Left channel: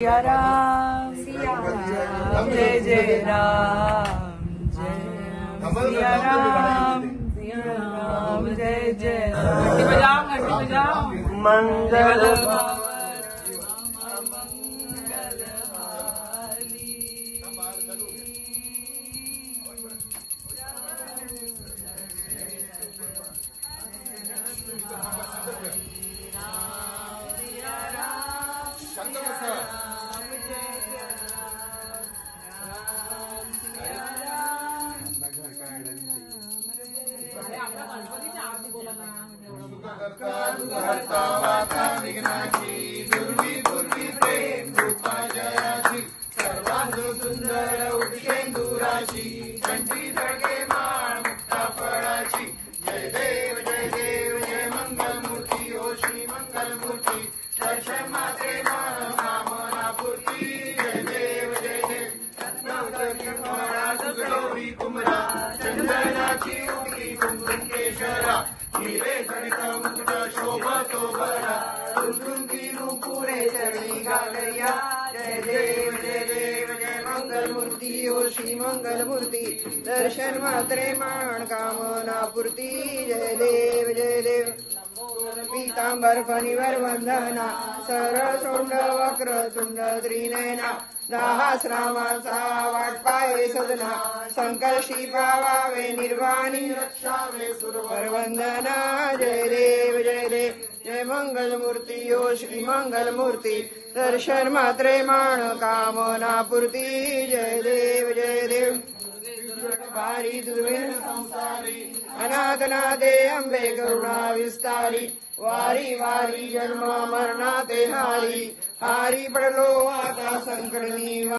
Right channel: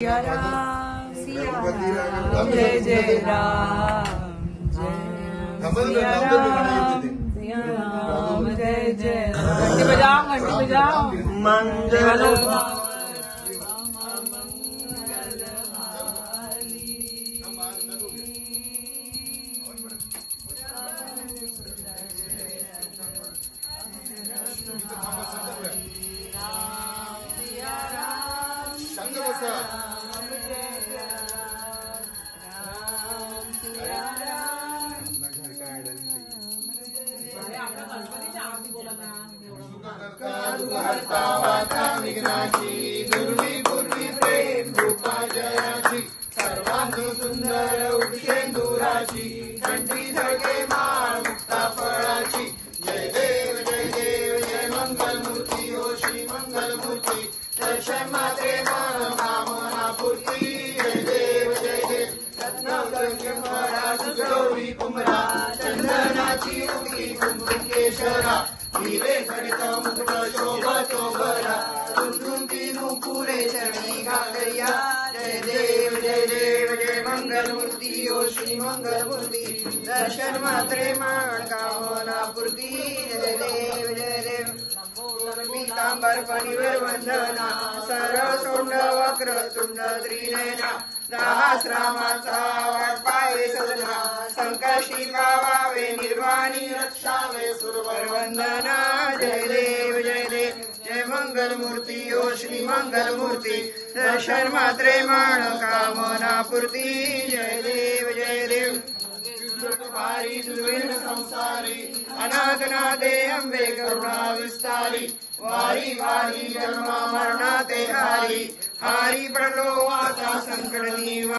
सिया राम जय जय राम सिया राम जय जय राम। घंटी बजाओ मंगल प्रेम रूपा जयाची सर्वांग सुंदर उपेंदुराची कंठी जगे मुक्ता फळाची जय देव जय मंगल मूर्ती ओ श्री मंगल मूर्ती दर्शन मात्रे कामना पूर्ती जय देव गौरी कुमरा चंदनाची उठी कुंकुम केशरा हिरे सरिता मुकुट शोभा चोभरा तुलतुंतीनु पुरे चरणी घालया जय देव जय मंगल मूर्ती ओ श्री मंगल मूर्ती दर्शन मात्रे कामना पूर्ती जय देव पीतांबर फणीवर वंदना सरसोंड वक्र तुंड त्रिनयना सहस्रामांचा पाय सदना संकर्षी पावावे निर्वाणी रक्षावे सुरवर वंदना जय देव जय मंगल मूर्ती ओ श्री मंगल मूर्ती दर्शन मात्रे कामना पूर्ती जय देव पारी दुर्वेण संसारी अनाथनाथे अंबे करुणा विस्तारी वारी वारी जन्म मरणाते हारी पडलो आता संकट निवारी।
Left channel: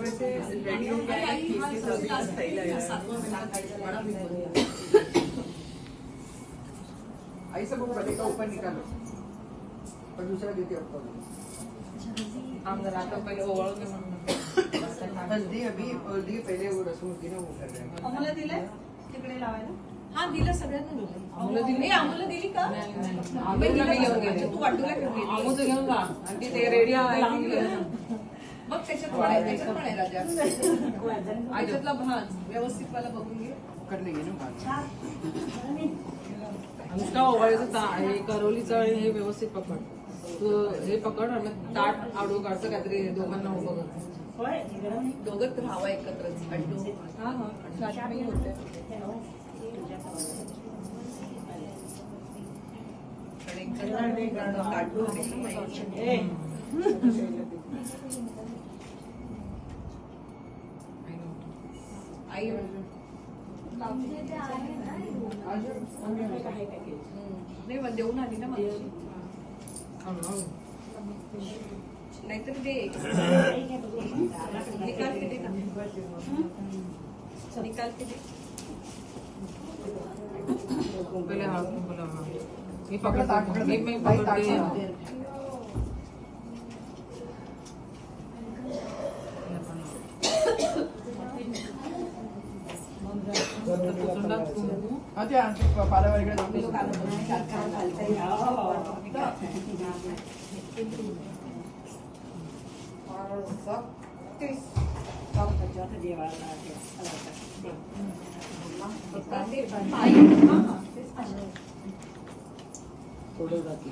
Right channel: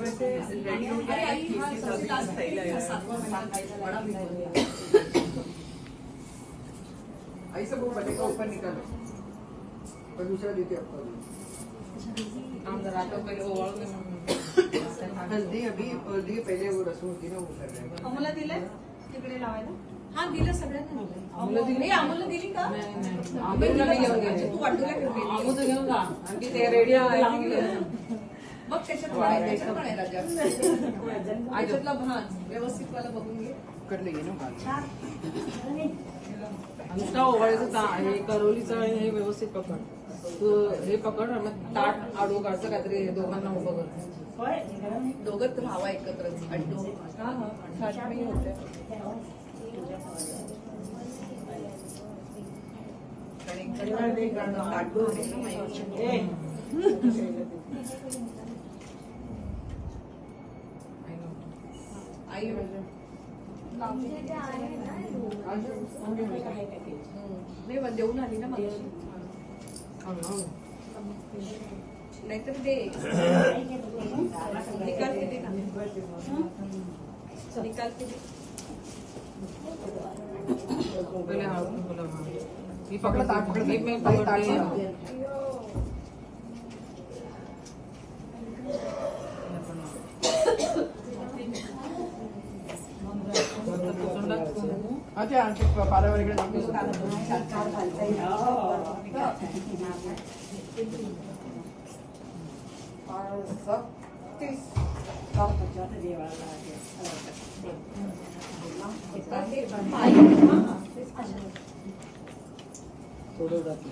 वैसे रेडी हो गया है सही लग रहा है। ऐसे वो बड़े का ऊपर निकालो और दूसरा देते हम जरा तो पहले ओवल में हल्दी अभी हल्दी पहले वो रसम होती ना वो कर रहे हैं। अमूला दिले तिकडे लावायला हाँ दिलं सगळ्यांना दिलं अमूला दिली का अमूला घेऊन गेले तू वाटूला घेऊन गेली अमूला घेऊन जा आणि ते रेडी आहे मग त्याच्यात म्हणायला आयच्यातला भान व्यवस्थित वाला बघून घे करणे घे ना आमचा ओवाळायचं हे करवलीचं आणि हे व्यवस्थित पकड तू हे पकड आणि ताट आडवं काढतं काहीतरी दोघांना उभं कर दोघंच राहावा एकत्रच आई नाही देऊन आली ना मला नाहीतर दे निकाल के दे ना निकाल के दे पहले हाँ बोला हाँ ये पकड़ ये मैं पकड़ते पालावर थोडं जाते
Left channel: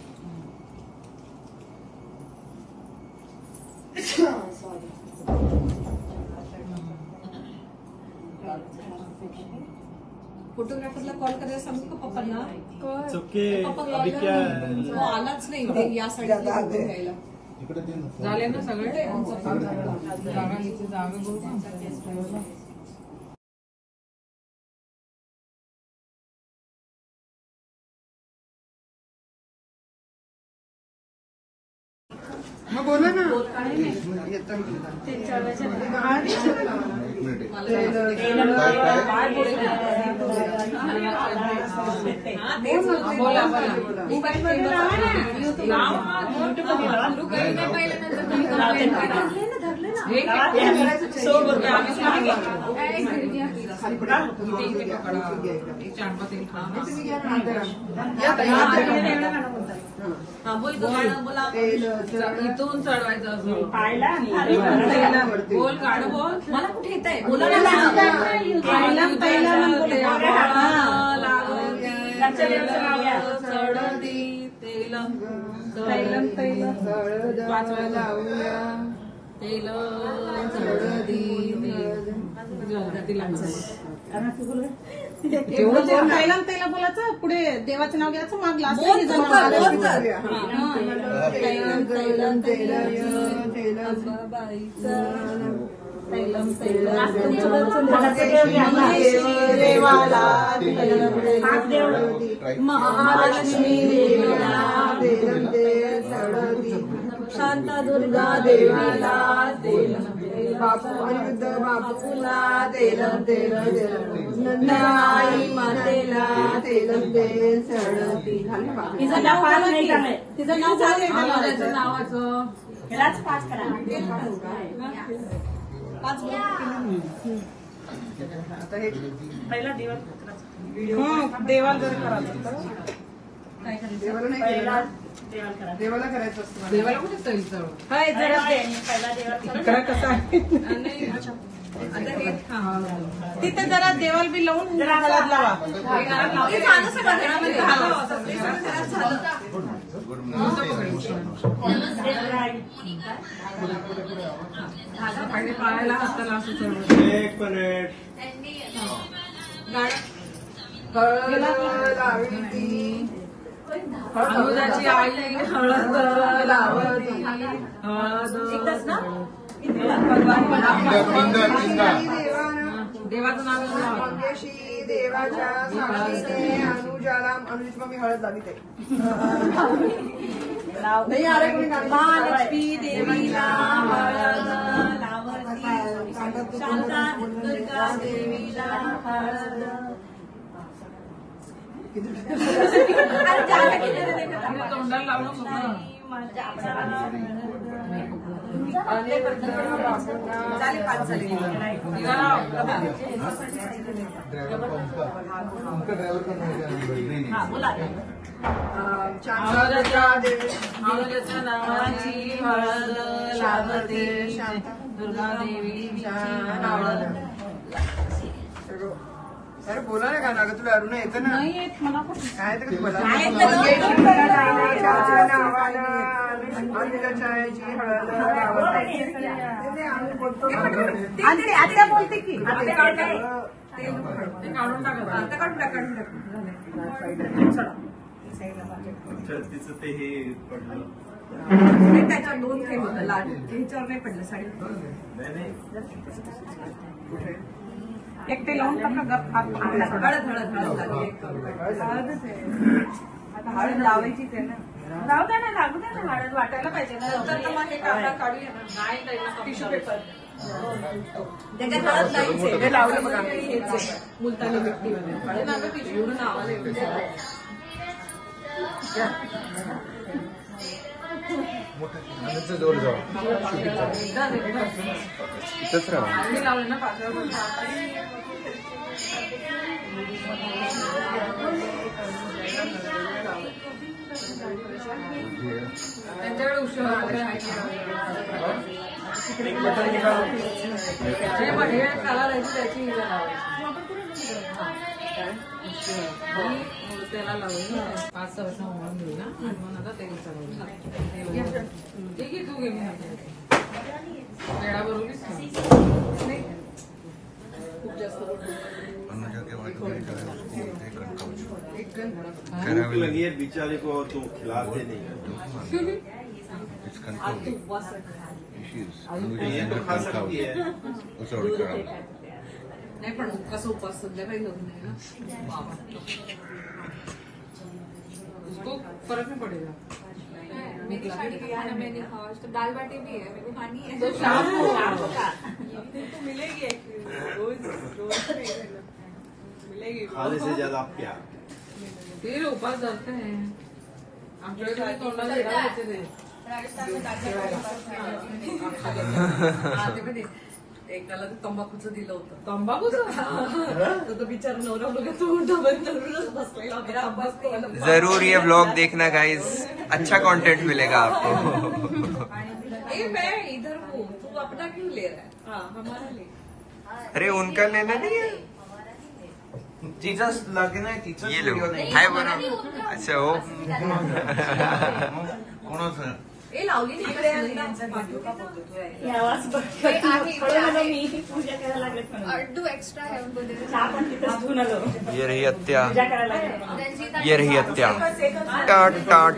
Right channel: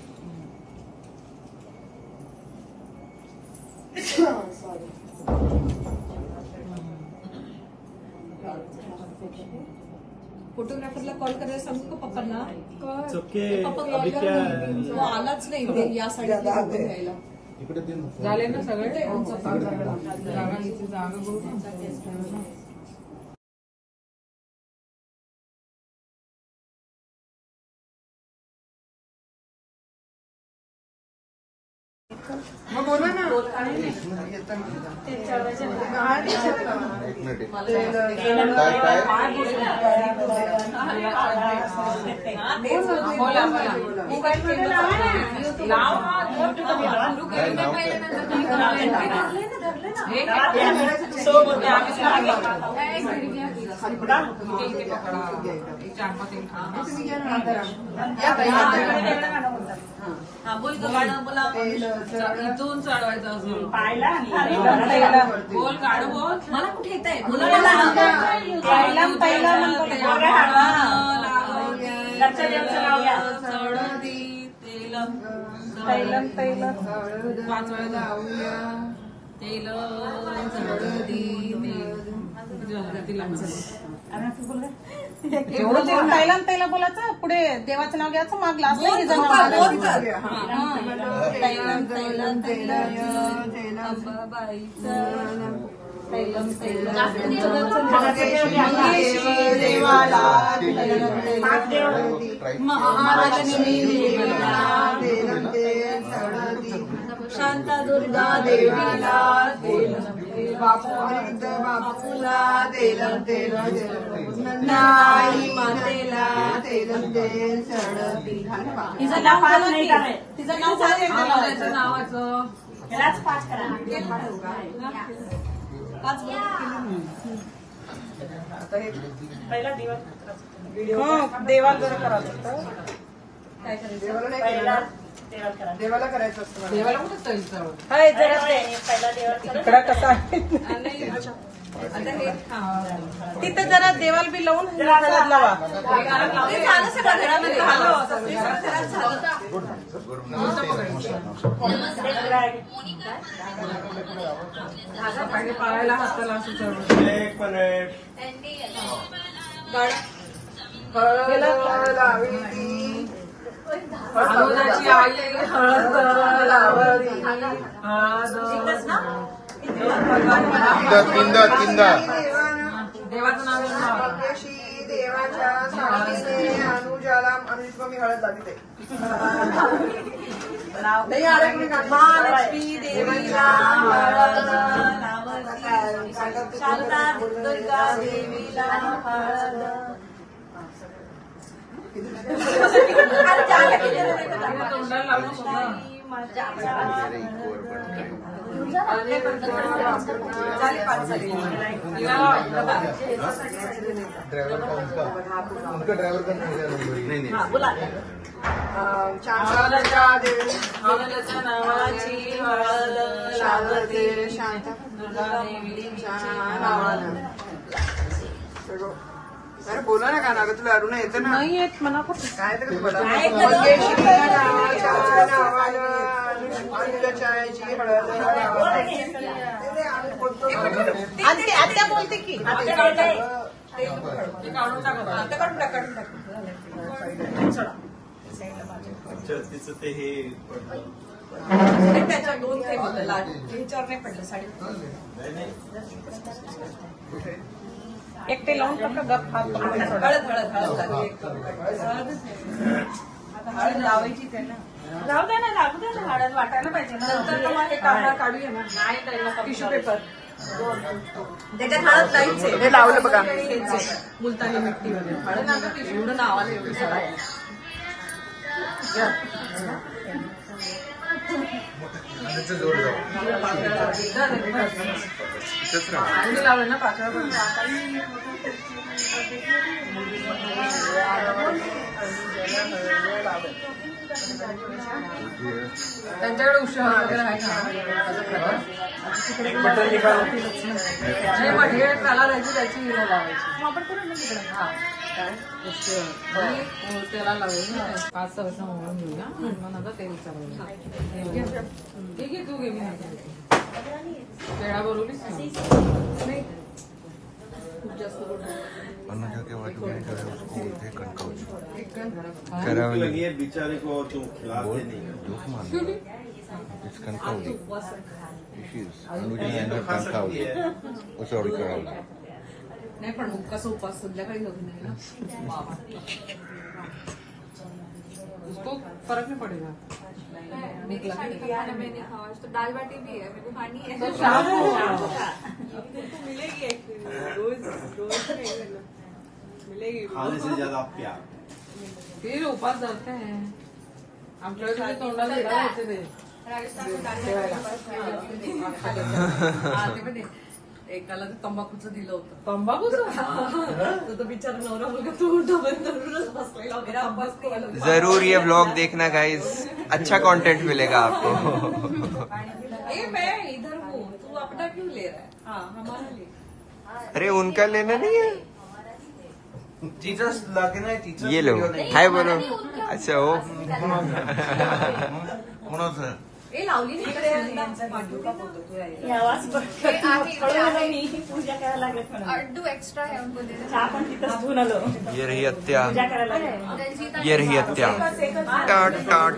फोटोग्राफरला कॉल करायला सांगतो का पप्पांना पप्पा आलाच नाही या साईडला झाले ना सगळे जागा बघू मग बोला ना. इथून चढवायचं असं बोल काढ बोल मला कुठे येत आहे पहिला बोलायचं पुढे देवाचं नाव घ्यायचं मागला देवाला शांता दुर्गा देवीला बापूला तेलम तेल नाही मातेला तेलम तेल सरळती. तिचं नाव नावाचं देवाला देवाला करायचं असतं. देवाला कुठे जायचं तिथे जरा देवाला बी लावून गळ्यात लावा. पहिले पायाला हाताला असं चढवलं. अनुजाची आई हळद लावती देवाचं नाव देवाच्या अनुजाला अनुजित मग मी हळद लावी ते नाही आले कोणी महालक्ष्मी देवीला शांता दुर्गा देवीला तोंडाला लावलं अनुजाच्या नावाची हळद लावते दुर्गा देवीच्या हळद. बोला ना गाणं तुला अरुण येतं ना. नाही येत मला काय आत्या बोलते की काढून टाका. तिचं ते हे पडलं त्याच्या दोन थेंब ह्याच्यावर नाही पडलं साडी. एकटे लावून टाका गप हात पकडला. हळद लावायची त्याला. जाऊ दे ना लागू दे ना हळद वाटायला पाहिजे ना. नंतर तुम्हाला हे काढा काढूया ना. नाही त्याला टिश्यू पेपर त्याच्यात हळद लाईचे हे लावलं बघा. मुलतानी मिट्टी वगैरे हळद आता टिश्यू नावाला लावलं ना पातळ. त्यांच्याकडे उशीर वगैरे आहे हे त्याला जायची त्याची त्याला लावून 5-6 वर्ष म्हणून घेऊया आणि मग नंतर तेल चालवून ठीक आहे. तू घे मी वेळाबरोबर खूप जास्त लगी है बेचारे को और तो खिलाते नहीं नाही पण कसं उपास संध्याकाळी करून नाही ना बाबा उसको फरक नाही पडेगा. निकला खाना मैं नहीं खाऊँ, तो दाल बाटी भी है, मेरे को खानी है। तो शाम को अब तुमको मिलेगी एक्चुअली, रोज रोज नहीं मिलेगी। खाने से ज्यादा प्यार। फिर ऊपर करते हैं हम जो तोंडाला गिरा होते थे राजस्थान में दाल बाटी एकाला ते तंबाखूचं दिलं होतं तंबाखूचं तो बिचारा नवरा मुलगा तोंड धरूनच बसलेला मेरा अभ्यास करायला जरूर ये व्लॉग देखना गाइस, अच्छा कंटेंट मिलेगा आपको। मैं इधर हूँ, तू अपना क्यों ले रहा है? हाँ हमारा ले। अरे उनका लेना नहीं है, टीचर्स लगे ना, टीचर्स ये लो हाय बोलो। अच्छा वो ए लावली पूजा करायला लागत अड्डू एक्स्ट्रा है उनको दे चहा पण तिथंच घेऊन आलो, ये रही हत्या, पूजा करायला लागत। ये रही हत्या। टाट टाट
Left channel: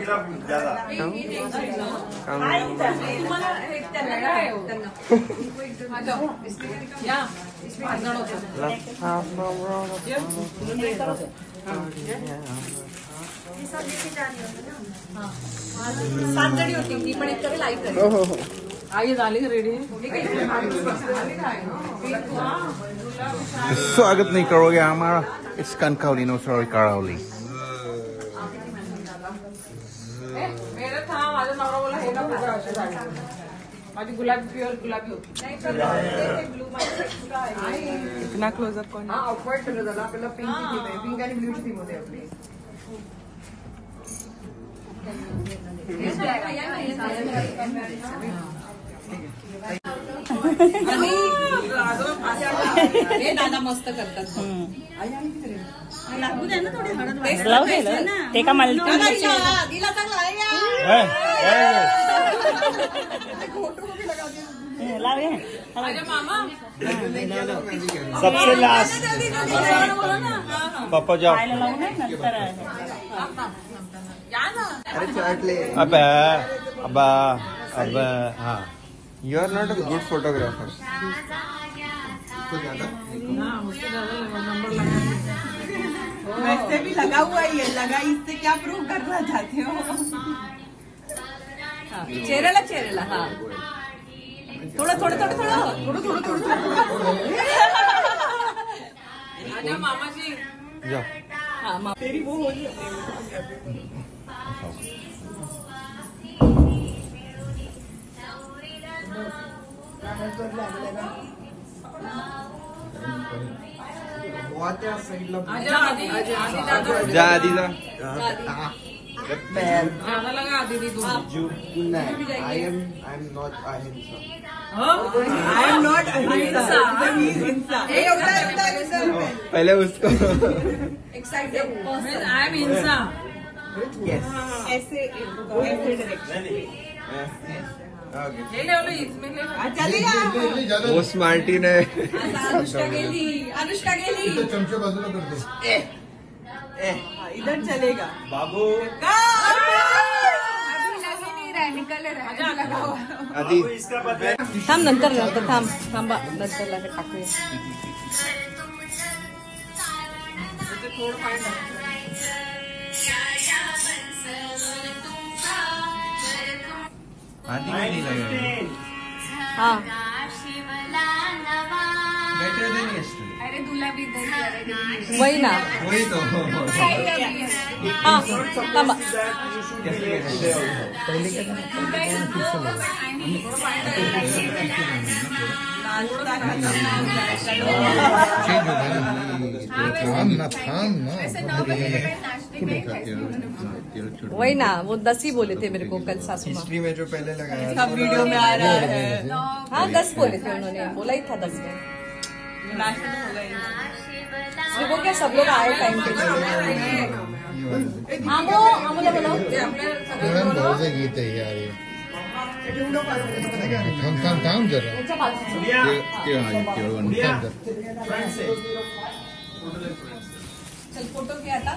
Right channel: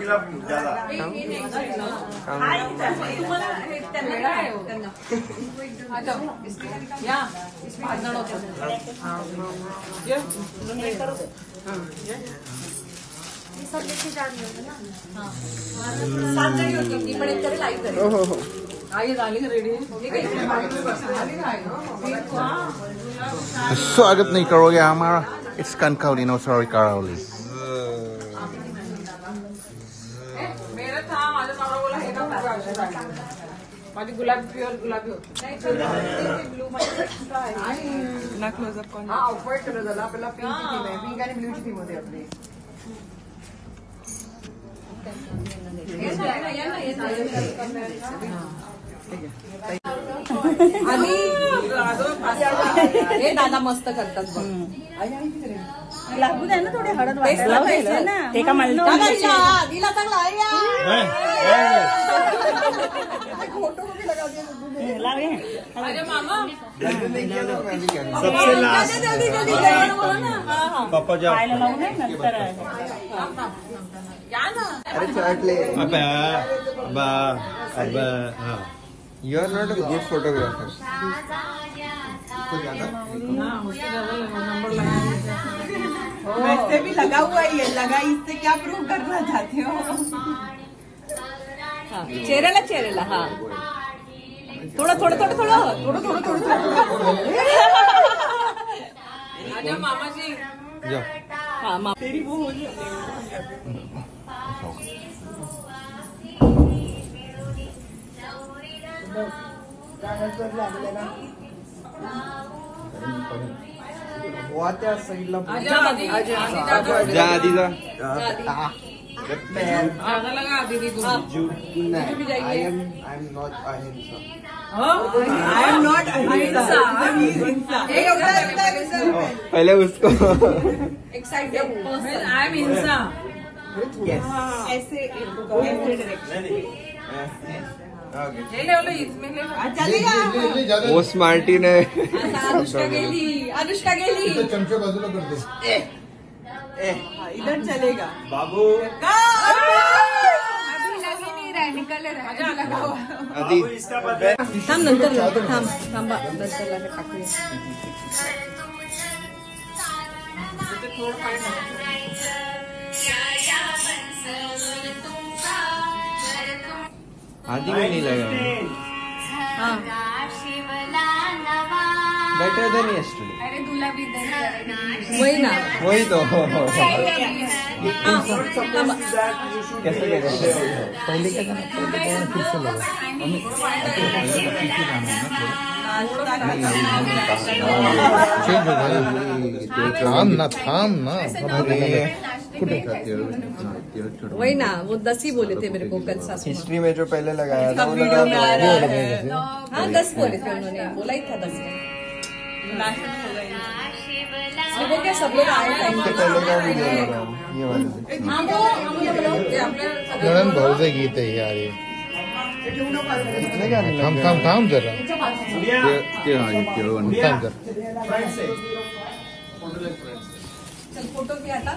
या इसमें भांडण होतं आई झाली रेडी स्वागत नहीं करोगे हमारा इसकान काउली नो सॉरी करावली। मेरा था माझा नवरा बोला हे का माझी गुलाबी प्युअर गुलाबी होती ब्लू मैं क्लोजअप कौन हा ऑफ व्हाईट कलर झाला, आपल्याला पिंकची थीम आहे, पिंक आणि ब्ल्यूची थीम होते आपली. हे दादा मस्त करतात लागू द्या ना थोडे हळद वाटायला ना ते का मला माझ्या मामा सबसे लास्ट पापा जाओ। नंतर या ना अरे चाट ले। अबे अबा अबे हाँ you are not a good photographer. Number लगा वैसे भी लगा हुआ ही है, लगा इससे क्या प्रूव करना चाहते हो? चेहऱ्याला हाँ थोडं थोडं थोडं थोडं थोडं थोडं थोडं माझ्या मामाची जाओ हाँ तेरी वो हो त्या साईडला आजा आधी दादा जा आधी जा। दादा लगा आधी तू I am not अहिंसा। I am not अहिंसा, he is हिंसा। पहले उसको आई एम हिंसा ऐसे डायरेक्शन ले ले ले इसमें ले लो। चलेगा। वो स्मार्टी ने अनुष्का गेली चमचे बाजूला करते। इधर चलेगा बाबू अभी लग ही नहीं रहा है, निकल रहा है। आधी इसका बदले थांब नंतर थांबा नंतर टाकूया। आधी में नहीं लगा। हाँ बेटर देन यस्टरडे। अरे दूल्हा भी इधर ही आ रहा है। वही ना वही तो हाँ थांबा कैसे पहले क्या फिर से लगा। चेंज हो गई। थाम ना कुठे खाते हो? वही ना वो 10 ही बोले थे मेरे को कल सासू माँ। हिस्ट्री में जो पहले लगाया था सब वीडियो में आ रहा है। हाँ 10 बोले थे उन्होंने, बोला ही था 10 में। वो क्या सब लोग आए टाइम पे। ये वाला हाँ वो मुझे बोला नरम भाऊचे गीत आहे यार हे. थांब जरा थांब जरा फ्रंट से फोटो ले फ्रंट से। चल फोटो क्या था